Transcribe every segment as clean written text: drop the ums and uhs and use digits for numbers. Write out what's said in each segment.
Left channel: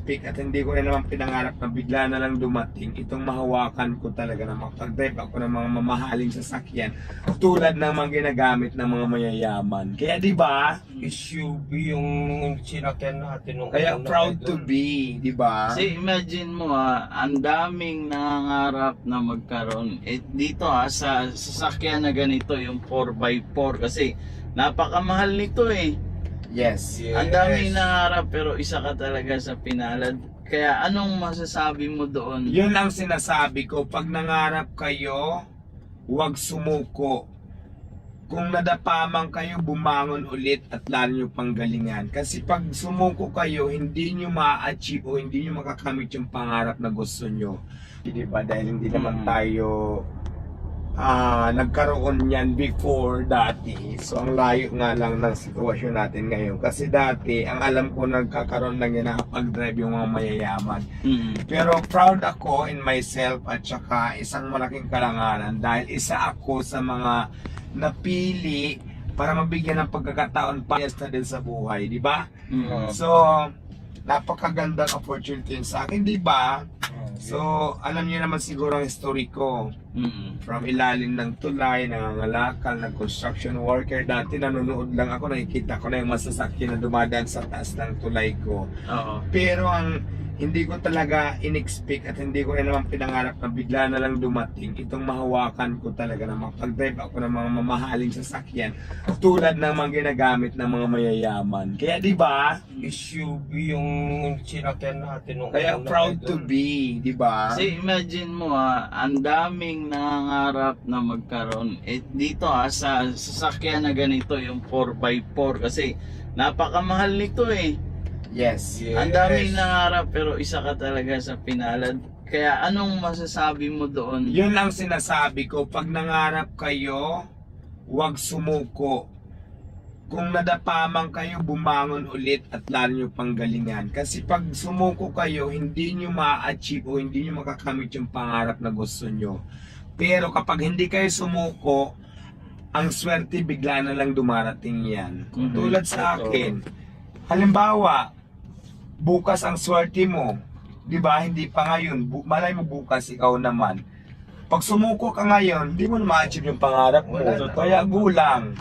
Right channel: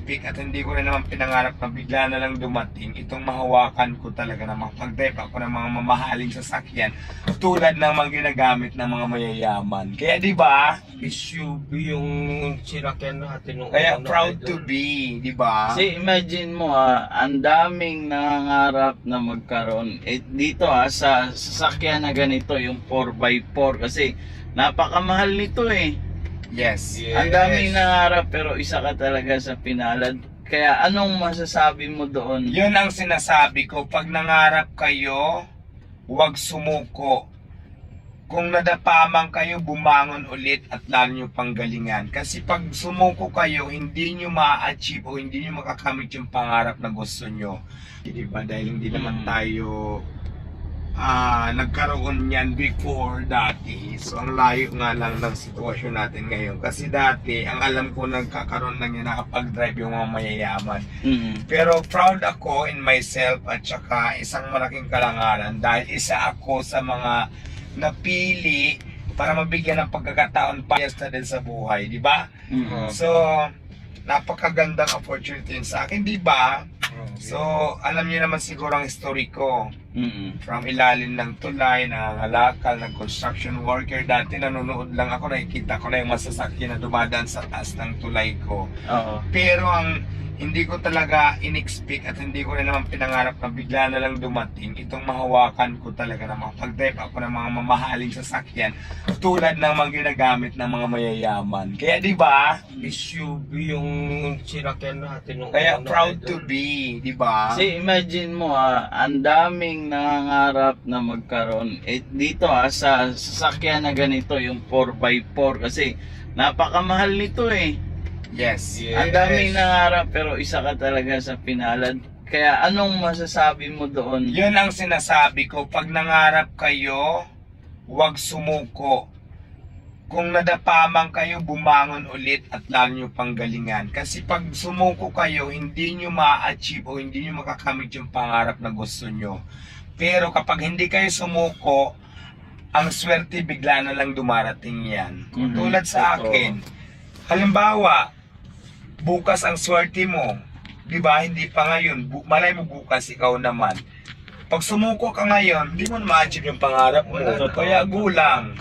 in-expect at hindi ko rin naman pinangarap na bigla na lang dumating itong mahawakan ko talaga na makapag-drive ako ng mga mamahaling sasakyan tulad ng mga ginagamit ng mga mayayaman. Kaya di ba? SUV yung sinakyan natin nung Kaya una, proud idol. to be, di ba? Kasi imagine mo ang daming nangangarap na magkaroon. Dito sa sasakyan na ganito, yung 4x4 kasi napakamahal nito eh. Yes. Ang daming nangangarap pero isa ka talaga sa pinalad. Kaya anong masasabi mo doon? Yun ang sinasabi ko, pag nangarap kayo, huwag sumuko. Kung nadapaman kayo, bumangon ulit at lalo nyo panggalingan. Kasi pag sumuko kayo, hindi nyo ma-achieve o hindi nyo makakamit yung pangarap na gusto nyo. Diba? Dahil hindi naman tayo nagkaroon niyan before dati. So ang layo nga lang ng sitwasyon natin ngayon. Kasi dati, ang alam ko nagkakaroon lang yan nakapag-drive yung mga mayayaman. Pero proud ako in myself at saka isang malaking karangalan dahil isa ako sa mga napili para mabigyan ng pagkakataon pa na din sa buhay, di ba? So, napakagandang opportunity yun sa akin, di ba? So, alam niyo naman siguro ang history ko. From ilalim ng tulay, nangangalakal, ng construction worker. Dati nanonood lang ako, nakikita ko na yung masasakyan na dumadaan sa taas ng tulay ko. Pero ang hindi ko talaga in-expect at hindi ko rin naman pinangarap na bigla na lang dumating itong mahawakan ko talaga na makapag-drive ako ng mga mamahaling sasakyan tulad ng mga ginagamit ng mga mayayaman. Kaya di ba? SUV yung sinakyan natin nung Kaya una, proud idol. to be, di ba? Kasi imagine mo ang daming nangangarap na magkaroon. Dito sa sasakyan na ganito, yung 4x4 kasi napakamahal nito eh. Yes. Ang daming nangarap pero isa ka talaga sa pinalad. Kaya anong masasabi mo doon? Yun ang sinasabi ko, pag nangarap kayo, huwag sumuko. Kung nadapaman kayo, bumangon ulit at lalo nyo panggalingan. Kasi pag sumuko kayo, hindi nyo ma-achieve o hindi nyo makakamit yung pangarap na gusto nyo. Pero kapag hindi kayo sumuko, ang swerte bigla na lang dumarating yan. Tulad sa akin, halimbawa, bukas ang swerte mo, di ba? Hindi pa ngayon, malay mo bukas ikaw naman. Pag sumuko ka ngayon, di mo na ma-achieve yung pangarap mo. Kaya gulang.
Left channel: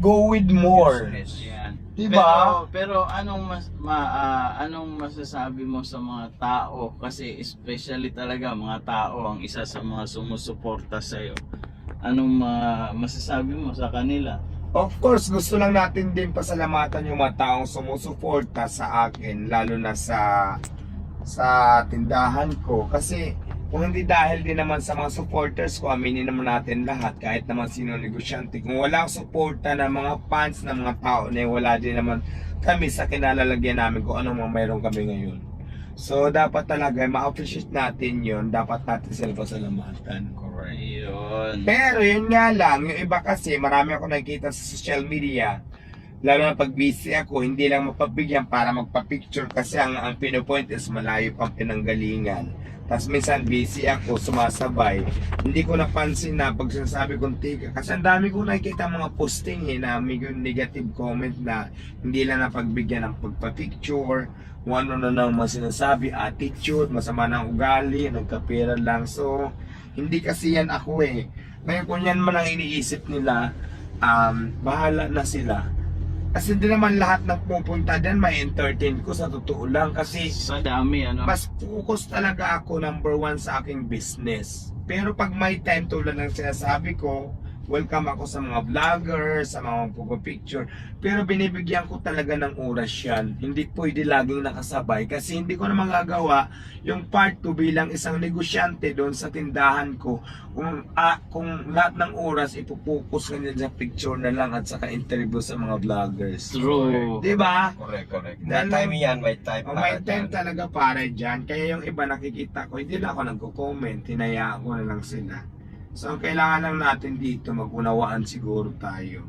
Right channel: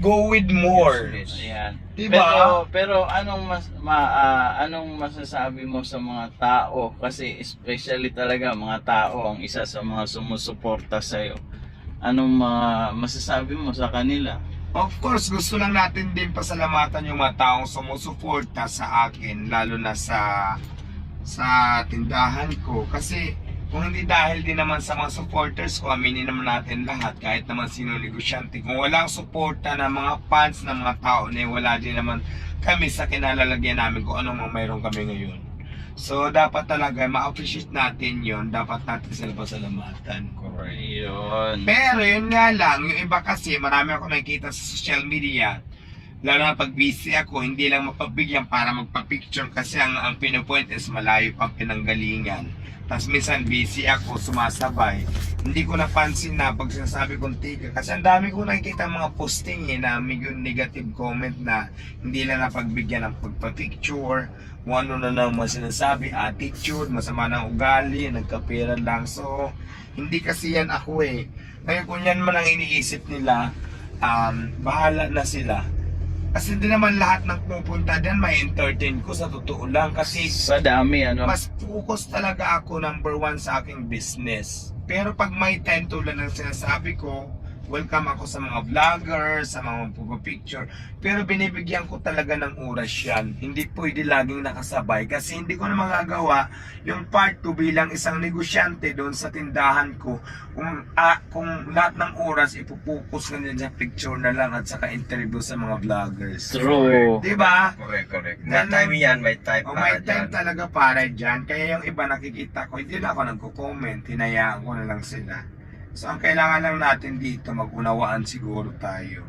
Go with more. Ayan. Diba? Pero anong masasabi mo sa mga tao? Kasi especially talaga mga tao ang isa sa mga sumusuporta sa'yo. Anong masasabi mo sa kanila? Of course, gusto lang natin din pasalamatan yung mga taong sumusuporta sa akin, lalo na sa tindahan ko. Kasi kung hindi dahil din naman sa mga supporters ko, aminin naman natin lahat, kahit naman sino negosyante. Kung wala ang suporta ng mga fans, ng mga tao, wala din naman kami sa kinalalagyan namin kung anong mga mayroon kami ngayon. So dapat talaga ma-appreciate natin yun, dapat natin sila pasalamatan. Correct. Yun. Pero yun nga lang, yung iba kasi marami ako nakikita sa social media, lalo na pag busy ako, hindi lang mapabigyan para magpa-picture kasi ang pinupoint is malayo pang pinanggalingan. Tapos minsan busy ako, sumasabay. Hindi ko napansin na pag sinasabi kong tiga. Kasi ang dami ko nakikita mga posting na may negative comment na hindi lang napagbigyan ng pagpa-picture. Kung ano na naman sinasabi, attitude, masama ng ugali, nagkapera lang. So, hindi kasi yan ako eh. Ngayon kung yan man ang iniisip nila, bahala na sila. Kasi hindi naman lahat ng pupunta dyan may entertain ko sa totoo lang. Kasi Sa dami mas focus talaga ako number one sa aking business. Pero pag may time tulad ng sinasabi ko, welcome ako sa mga vlogger, sa mga picture. Pero binibigyan ko talaga ng oras yan. Hindi pwede laging nakasabay kasi hindi ko na magagawa yung part 2 bilang isang negosyante doon sa tindahan ko. Kung lahat ng oras ipupokus ka din sa picture na lang at saka interview sa mga vloggers. True. Diba? Correct. May time yan, may time O para may time dyan. talaga para dyan. Kaya yung iba nakikita ko, hindi na ako nagko-comment. Hinayaan ko na lang sila. So ang kailangan lang natin dito, mag-unawaan siguro tayo.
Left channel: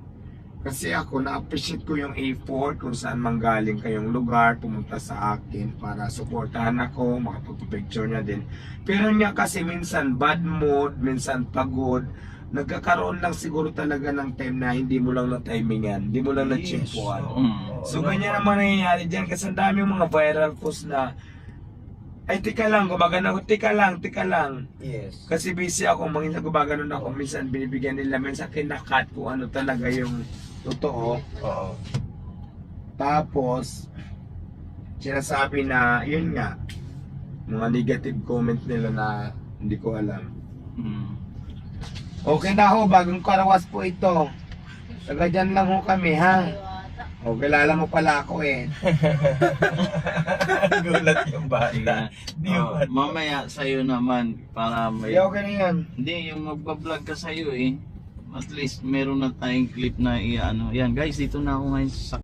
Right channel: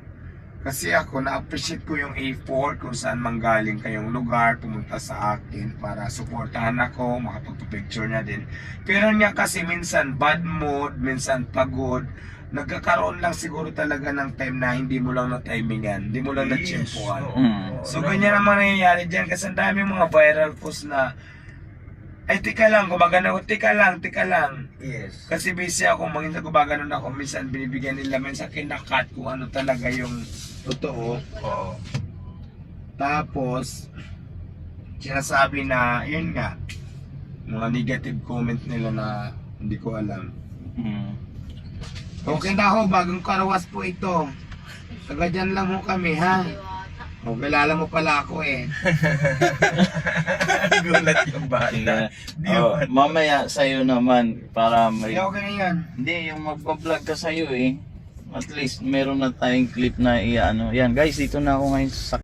Kasi ako, na-appreciate ko yung effort kung saan manggaling kayong lugar, pumunta sa akin para supportahan ako, makapagpapicture niya din. Pero niya kasi minsan bad mood, minsan pagod, nagkakaroon lang siguro talaga ng time na hindi mo lang na-timingan, hindi mo lang na-chimpuan. So ganyan naman nangyayari dyan kasi ang dami yung mga viral post na ay tika lang, gumagano ako, tika lang. Yes. Kasi busy ako, minsan gumagano ako, minsan binibigyan nila, minsan kinakat kung ano talaga yung totoo. Oo. Tapos, sinasabi na, yun nga, mga negative comment nila na hindi ko alam. Okay na ho, bagong karawas po ito. Taga dyan lang ho kami, ha? O, kilala mo pala ako eh. Gulat yung bata. Mamaya sa'yo naman para may... Hindi, okay na yan. Hindi, yung magpa-vlog ka sa'yo eh. At least meron na tayong clip na i-ano. Yan guys, dito na ako ngayon sa